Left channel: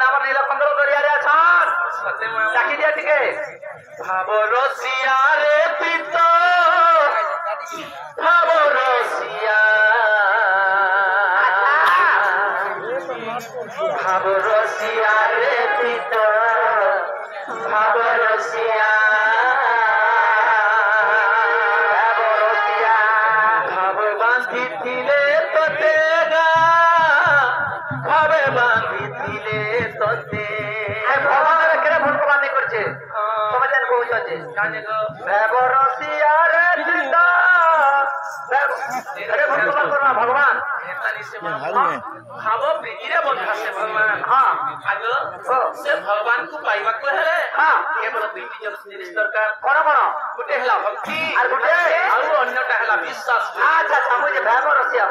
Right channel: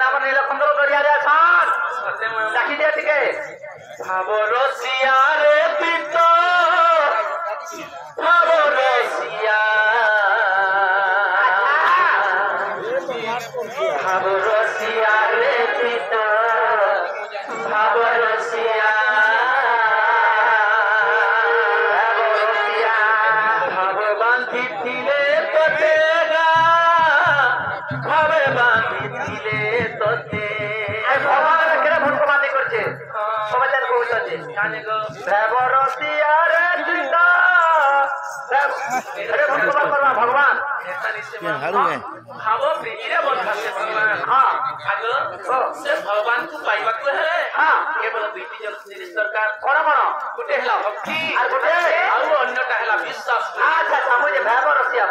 ମାନେ ଆମ ନୀଳକମଳ ଦରିଆରେ ଅଛନ୍ ଡାକି ଦିଅ ଟିକେ ଭାବ ରସିଆରେ ପ୍ରୀତ ଭାବ ରସିଆ ଭାବ ରସିଆରେ ପ୍ରୀତ ଭାବ ରସିଆ ଭାବ ବାନ୍ଧିଥିଲେ ତତେ ভাবে বাঁধিছিলে তোতে ভগবানের কেন ভূত বাঁধি করছে সমাজের পৌঁছাচ্ছে ব্যবরসিয়ারে চিতা ভগবান ভাব প্ରୀତିରେ ବନ୍ଧାશે ଭଗବାନ ସେ ଭଗବାନଙ୍କୁ ପାଇବାକୁ ହେଲେ କେବଳ ଦୁଇଟି ଜିନିଷ ଦରକାର କଣ କଣ ଗୋଟେ ହେଲା ଭକ୍ତି ଆଉ ଗୋଟେ ଆଉ ଅନ୍ୟଟା ହେଲା ବିଶ୍ୱାସ ଆଚ୍ଛା ସମୁଝେ ବ୍ୟବରସିଆ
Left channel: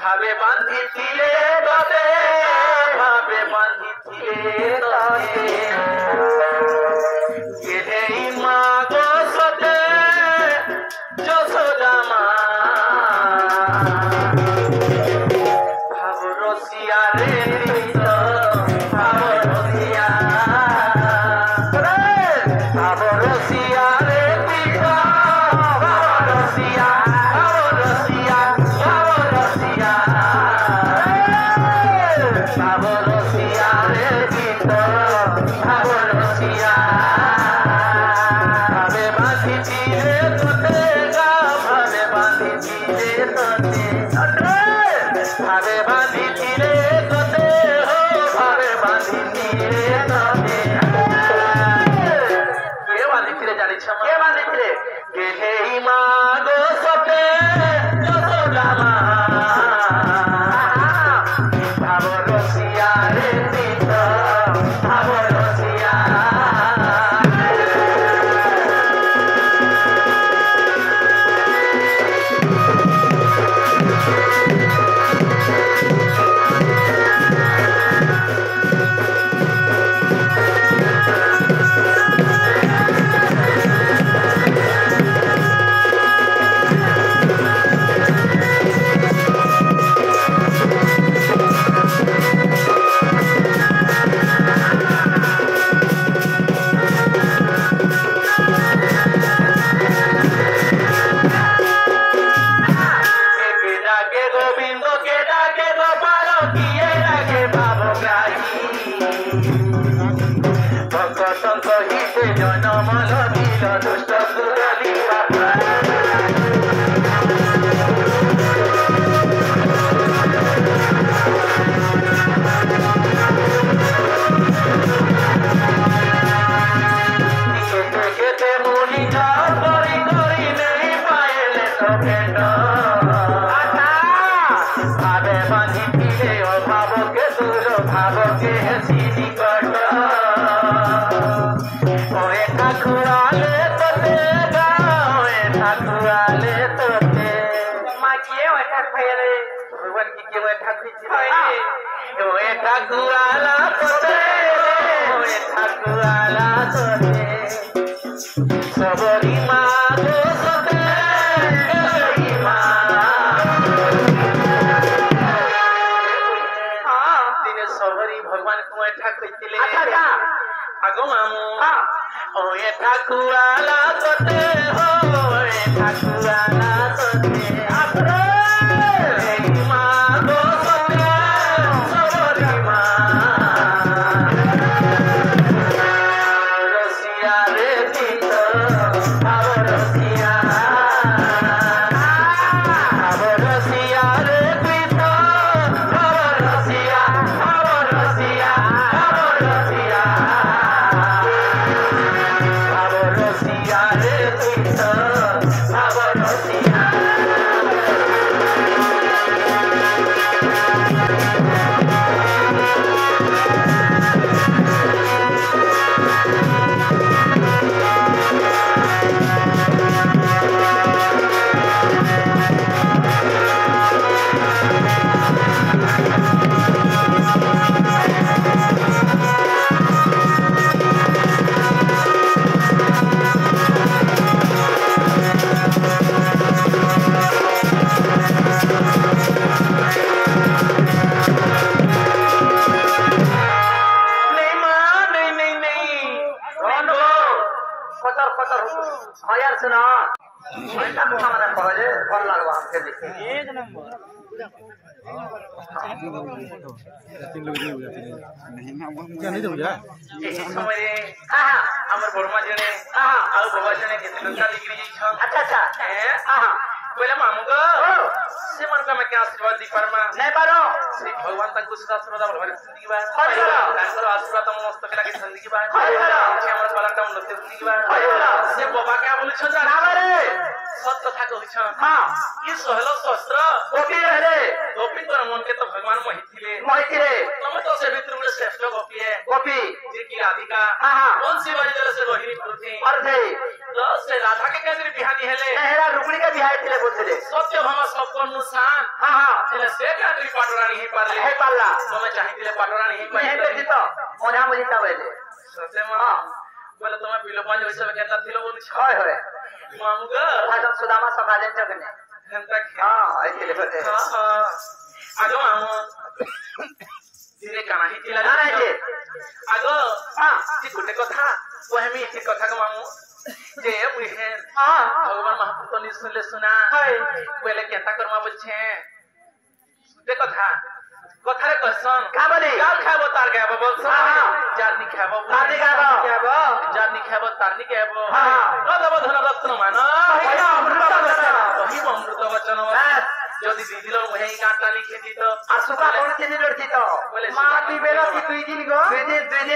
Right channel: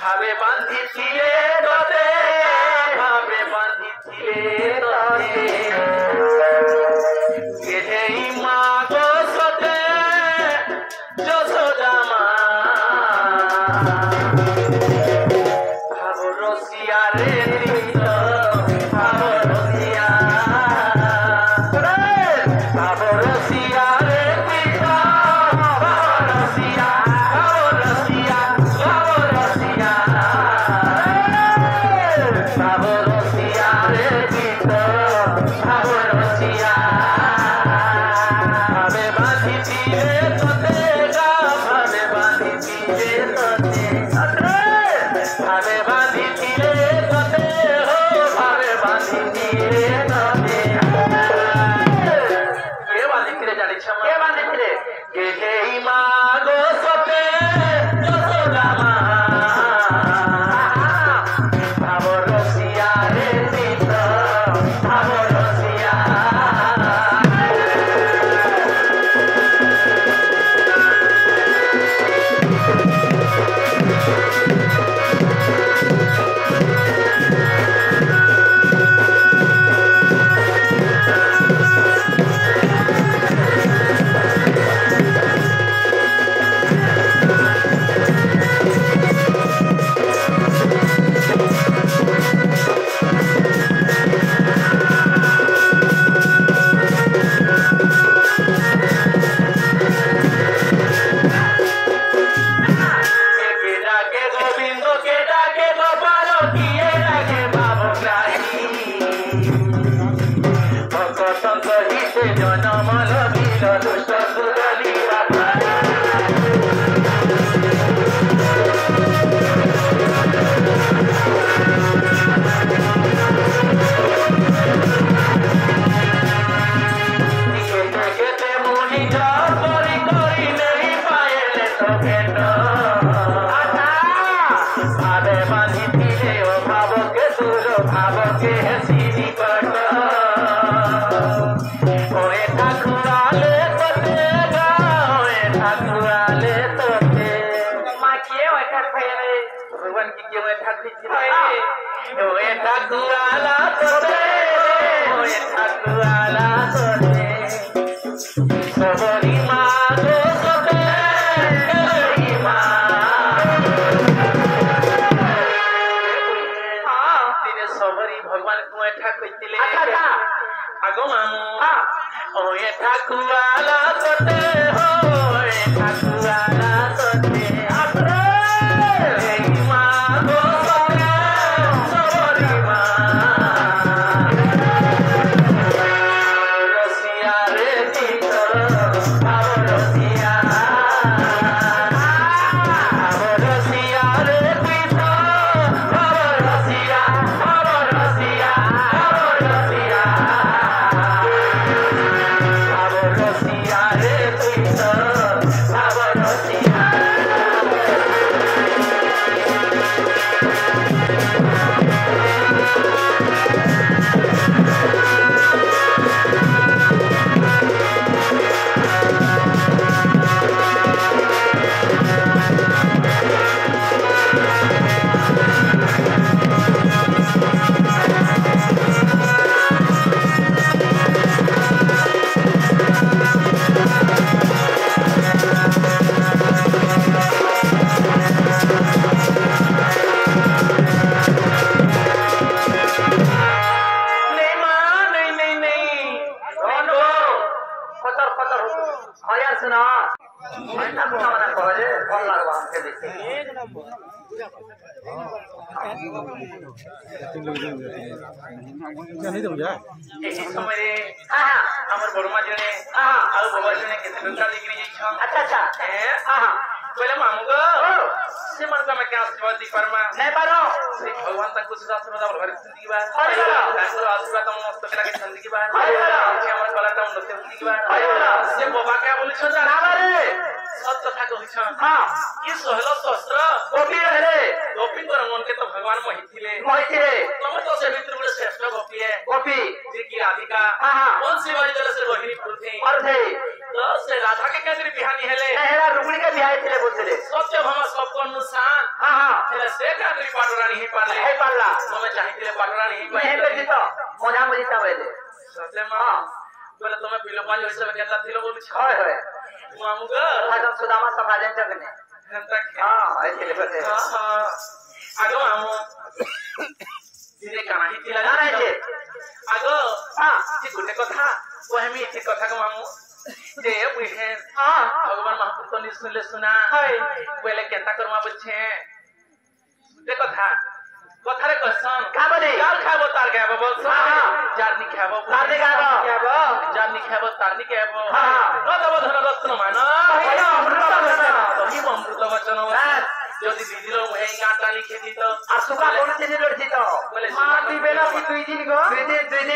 ଭାବେ ବାନ୍ଧିଥିଲେ ତତେ ଭାବେ ବାନ୍ଧିଥିଲେ ତତେ କେହି ମାଗ ସତେ ଯଶୋଦା ମା ଭାବ ରସିଆରେ ପ୍ରୀତ ଭାବ ରସିଆ ଭାବ ରସିଆରେ ପ୍ରୀତ ଭାବ ରସିଆ ଭାବ ରସିଆ ଭାବ ରସିଆ ଭାବ ରସିଆରେ ପ୍ରୀତ ଭାବ ରସିଆ ଭାବେ ବାନ୍ଧିଥିଲେ ତତେ ଭାବେ ବାନ୍ଧିଥିଲେ ତତେ ভাবে বাঁধিছিলে তোতে ভাবে বাঁধিছিলে তোতে কে বাঁধিছিলে জানিছ কে বাঁধিছিলে কেহেই মা গো সতে যশোদা মা ভাব রসিয়ারে প্ৰীত ভাব রসিয়া नहीं तो बुझा समय हमर बड़मा जने और बाबा जने के लंका निकली जाई छ अच्छा अच्छा पहले मांगो से मन का मैं क्या आशीर्वाद दी परमा नहीं पारो से भगवान तक कुछ आशीर्वाद भर जिंदगी बा आशीर्वाद तो मस्त करा के जिंदगी बा से हमर वाला काम नते जिंदगी बा से बाबा क्या बोले छ ना रे सत कथा कहै छ हां ये सहलो शस्त्र गोपी रहले गोपी तो मन के तो भगवान महिथिले तुम तो से मित्र में श्रेष्ठ गोपी है गोपी जी की राधिका कौन सी वाली तरह से रोहिणी पुत्री अर्धे तो से राधा के कैसे बिहानी हेले रुक्मिणी के बिहाई थिले बोलथिले सत्य भाव सबको अनुसार हेले से का तरी पाडरा नहीं पाले हे पाला तुम चाहिए पाडरा नहीं पाले हे तो मोना मुझे तबले सत्य मां बोले तुम पिलो पांच वर्ष में कहता थिले बोल छय होय मांगो राजा सुदामा समाजन जगने हंता ऐसे बोलते आगो आमो धीरे काना ही तिला ना रे आगो जी गुटे कथा वहमी इति कथा को मांगो जे बुहे भगवान महापुरुष ने सुनले सुना पहले केता करमा बछे ते कथा कथा रे कसन खाबनी यार खाबो तार खाबो बोल जानी खाबो तारनी खाबो जानी खाबो तारनी खाबो बदब धन रत्न मान ही अमृत वचन যদি দিদিলো এই গাটা লিখেছি তো আসুকা করতে লড়ছি তো বলে মাটি বেলা কি দুই দিন গো দুই দিন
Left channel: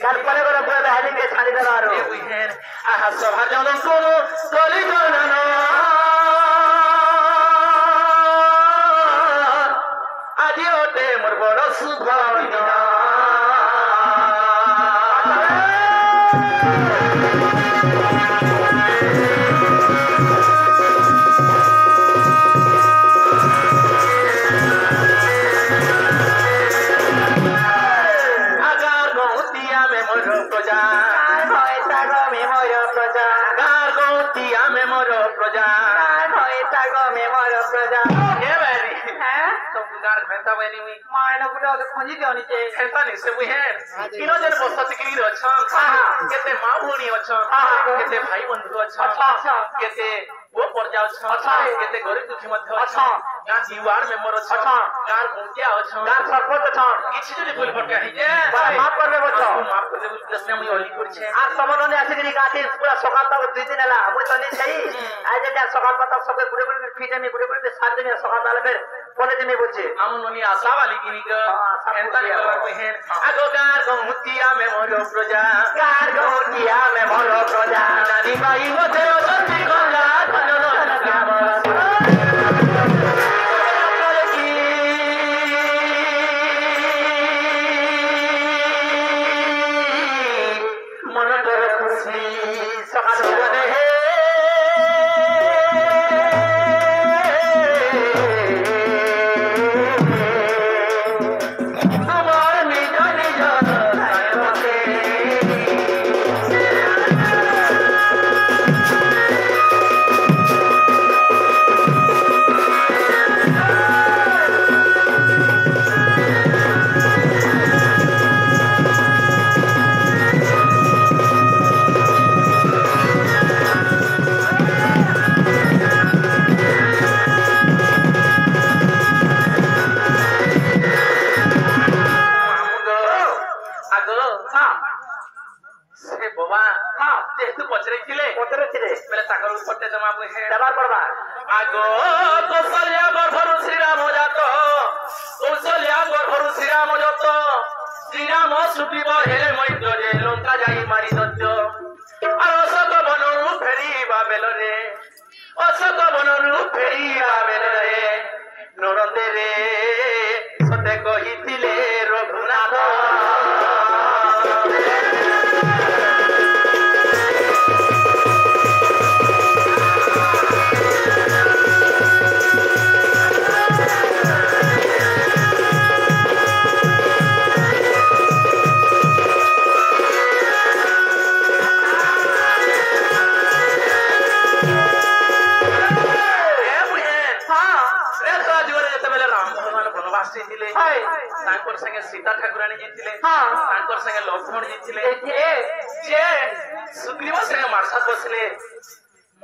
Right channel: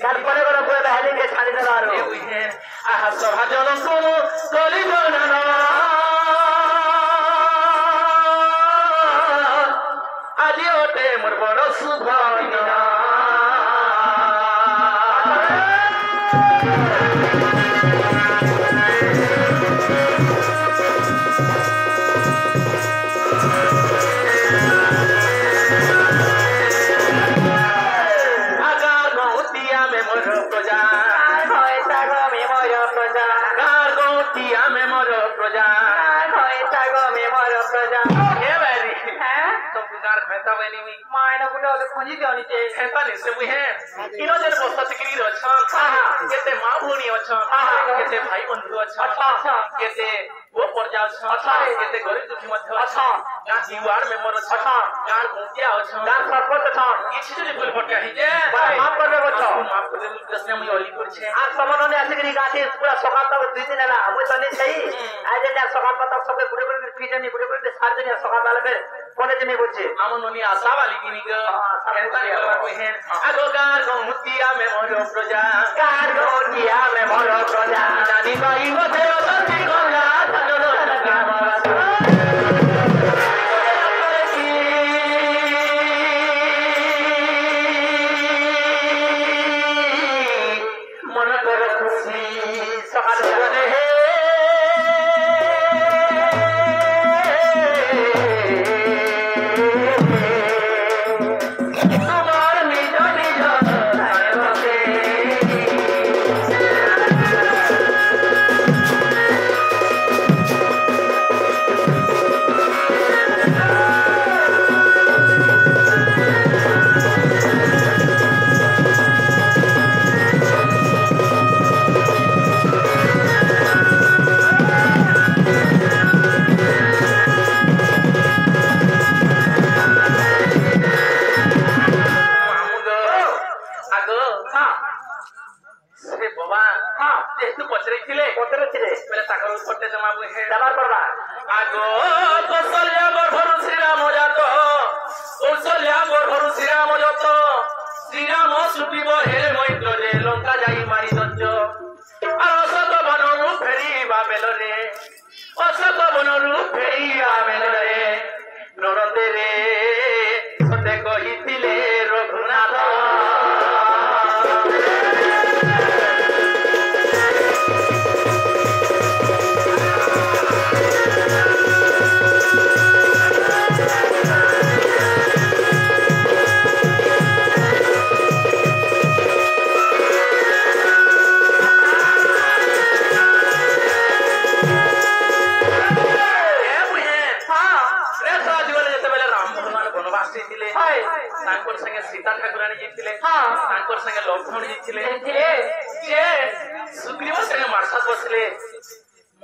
গান পরে বড় বড় হারিয়ে ছাড়ি দেওয়ার এই বুঝেন আহা সভা জগন শুনো তলি গনা আজি ওতে মোর বড় শুভ দিন केते मां भूणी अच्छा केते भाई बंधु अच्छा केते वो पर्जा अच्छा केते गरीब दुखी मध्य अच्छा गां जीवार में मोर अच्छा गां गुंटिया अच्छा गां सरपंच अच्छा किछि जने बोल भटका ही जे माफ करबे बच्चा माफ करबे दस में ओली कर छे आ सबने आसिकरी गाठी पूरा सकाल तक दुई दिन हला हम तो नहीं सही आज जे सकाल पता सब गुडे गुडे फीजनी गुडे गुडे सात दिन सकाल वाला फिर कोने दिन बोचे हम नोनी आशा वाली की ग एंता वाला कोई है आगो गार मुतिया में मोर प्रजा गार मुतिया में मोर प्रजा जानी भाई होते सच्ची कोना धनो मन कर खुशी सकाल है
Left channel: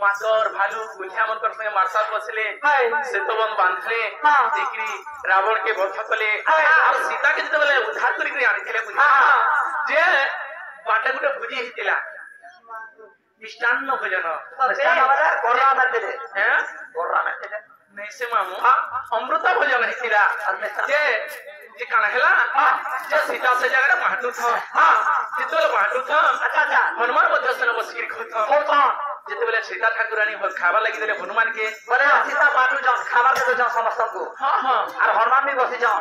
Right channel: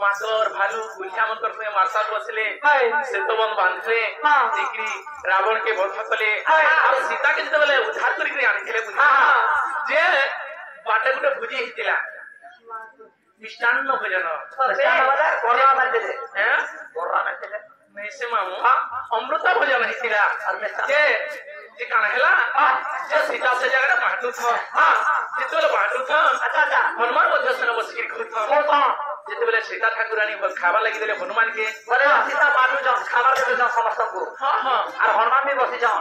मातर भालू गुलिया मन कर में मारसा बसले सेतवन बांधले देखरी रावण के वध कले और सीता के जते बेले उद्धार करी के आनिथिले जे बाटे गुटे भुजी हितिला मिष्टान्न भोजन कोरा मारते हैं कोरा मारते नहीं से मामू अमृत भोजन हितिला जे काना हेला जे सीता से जगह बाटू था कितोल बाटू था अच्छा हनुमान बदसन बसकी खुद जेते बेले सीता ठाकुरानी खावा लगी देले हनुमान के बोले सीता बाटू जाओ खावा दे जाओ समस्त को हां और हनुमान भी बसी जाओ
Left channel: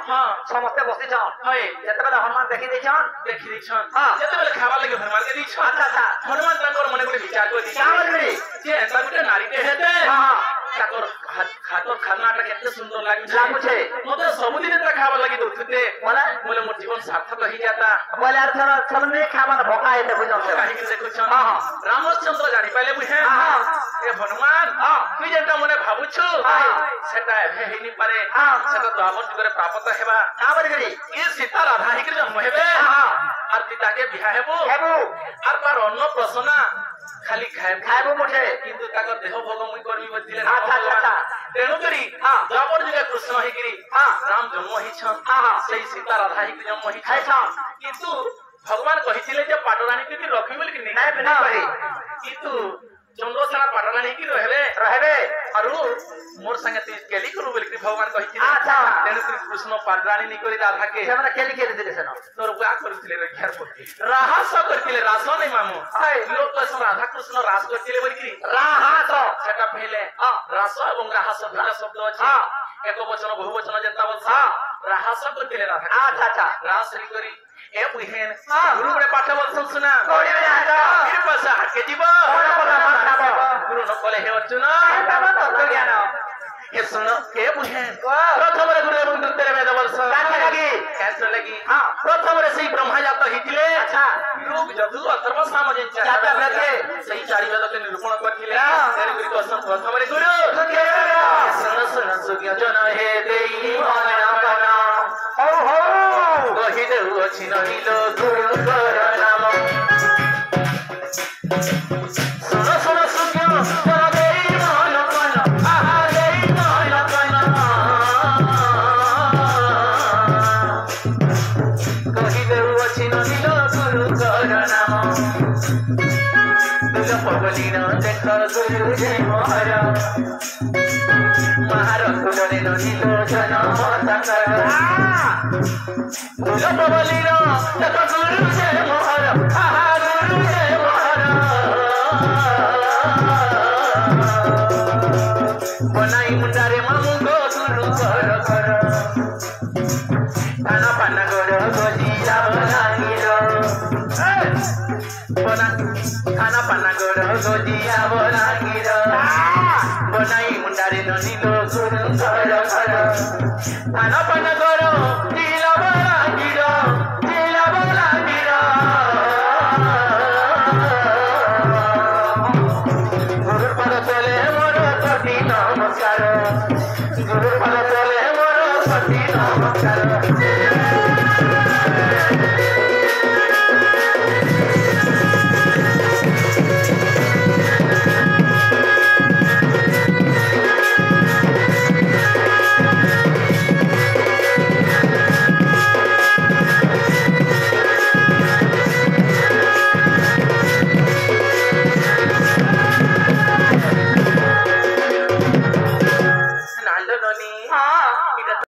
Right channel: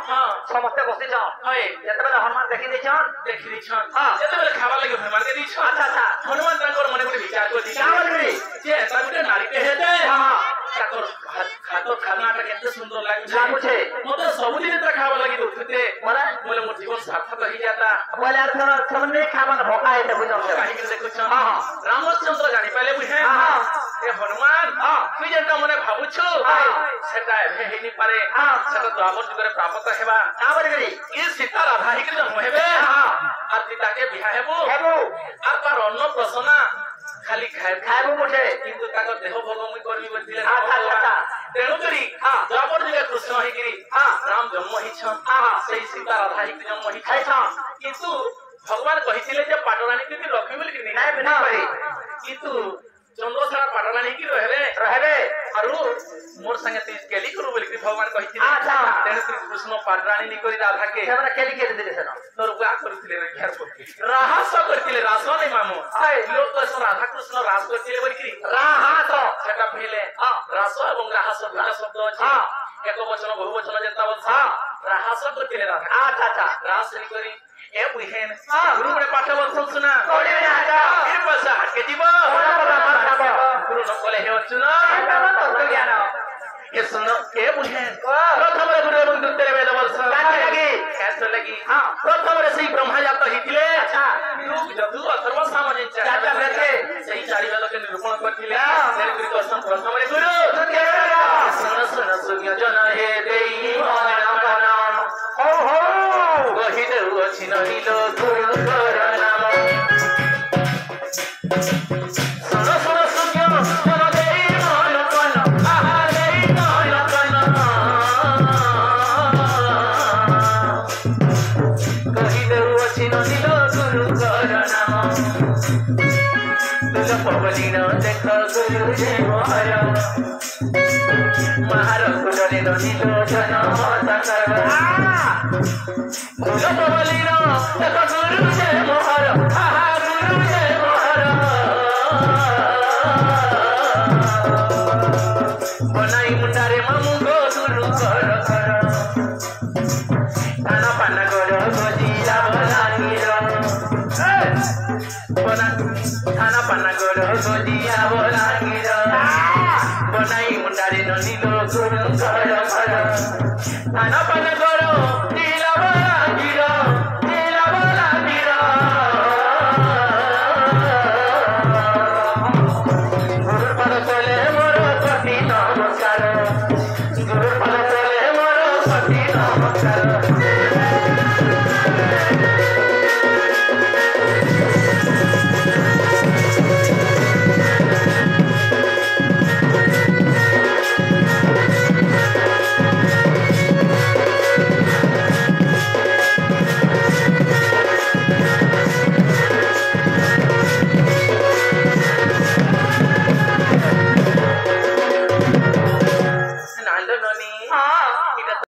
समस्त बसी जाओ जेते बेले हनुमान देखि दै छन जेते बेले खावा लगी हनुमान के दी छन अच्छा हनुमान तांकर मने को विचार को दी जे ऐसा गुटे नारी के हेते ताकर खातो खानाटा केते सुंदर लागुछे मते सब दिन ता खावा लगी दुखते बोले मोर जीवन सार्थक हो जाता बोले थर नहीं खावा भोका है बुझो काहे के देखो छ रामचंद्र जानि पाले बुझे ए हनुमान तू जेटा मने भाबुछु सेटा हेनी पारे सेटा द्वापर जुगरे प्राप्त हेबा आवर गरी ए सीता राधा ही के जन्म हेबे और पिता के बियाह हेबो और तार अन्न प्रसन्ना खाली खाइबो मुठे किंतु ताकर देह भगवान करबी बतिले तेणु करी द्वापर जुगरे कृष्ण ही गिरी राम जन्म ही छन सही सीता राधा ही के जन्म ही छन किंतु भगवान कहिथिले जे पाटरानी के रखी बोली कि नहीं किंतु चंद्रसेना पाटरानी की रहबे और मोर संगे तू केली करू बोली कि भगवान कहिथिले तेणु करी कृष्ण पाटरानी नि करी राधा के हमरा केली के दिले सर तोर गा करथिले रे घेर करके राहस करथिले रास नहीं मामू लोग तो राधा कृष्ण रास करथिले बोली कि राहस सेटा पहले रास और राहस दुटा शब्द अछि एको वचन बहुवचन जेता बोलसा राहस करथिले राधा अच्छा रास नि करी ए बुहेन गुरु बड़े पाठ बोल सुना कोड़ी जाता फिर बसा के जीवा गुरु न बोले हे अर्जुन तत्व ज्ञान हे सुनो के बुहेन प्रथम गुरु बोल तेरे वेद वर्ष कैसे लगी प्रथम रे सही ब्रह्मा जात हितिले अच्छा जदु अथर्व सामने चाचा बैठे सही चारि वेद के निरूपण करथिले तेरे गुरु दर्शन प्रथम रे गुरु सुन सुन सुज्ञ जन हे देई माना बना कहि देउ अछि नहिलो गुरुकर नाम सुन सुन सुज्ञ जन देई माना बना देई माना बना कहि देउ अछि नहिलो गुरुकर नाम तुल पवलीना देख गुरु जे महारा महारा कुडले नहिलो जन नमस्कार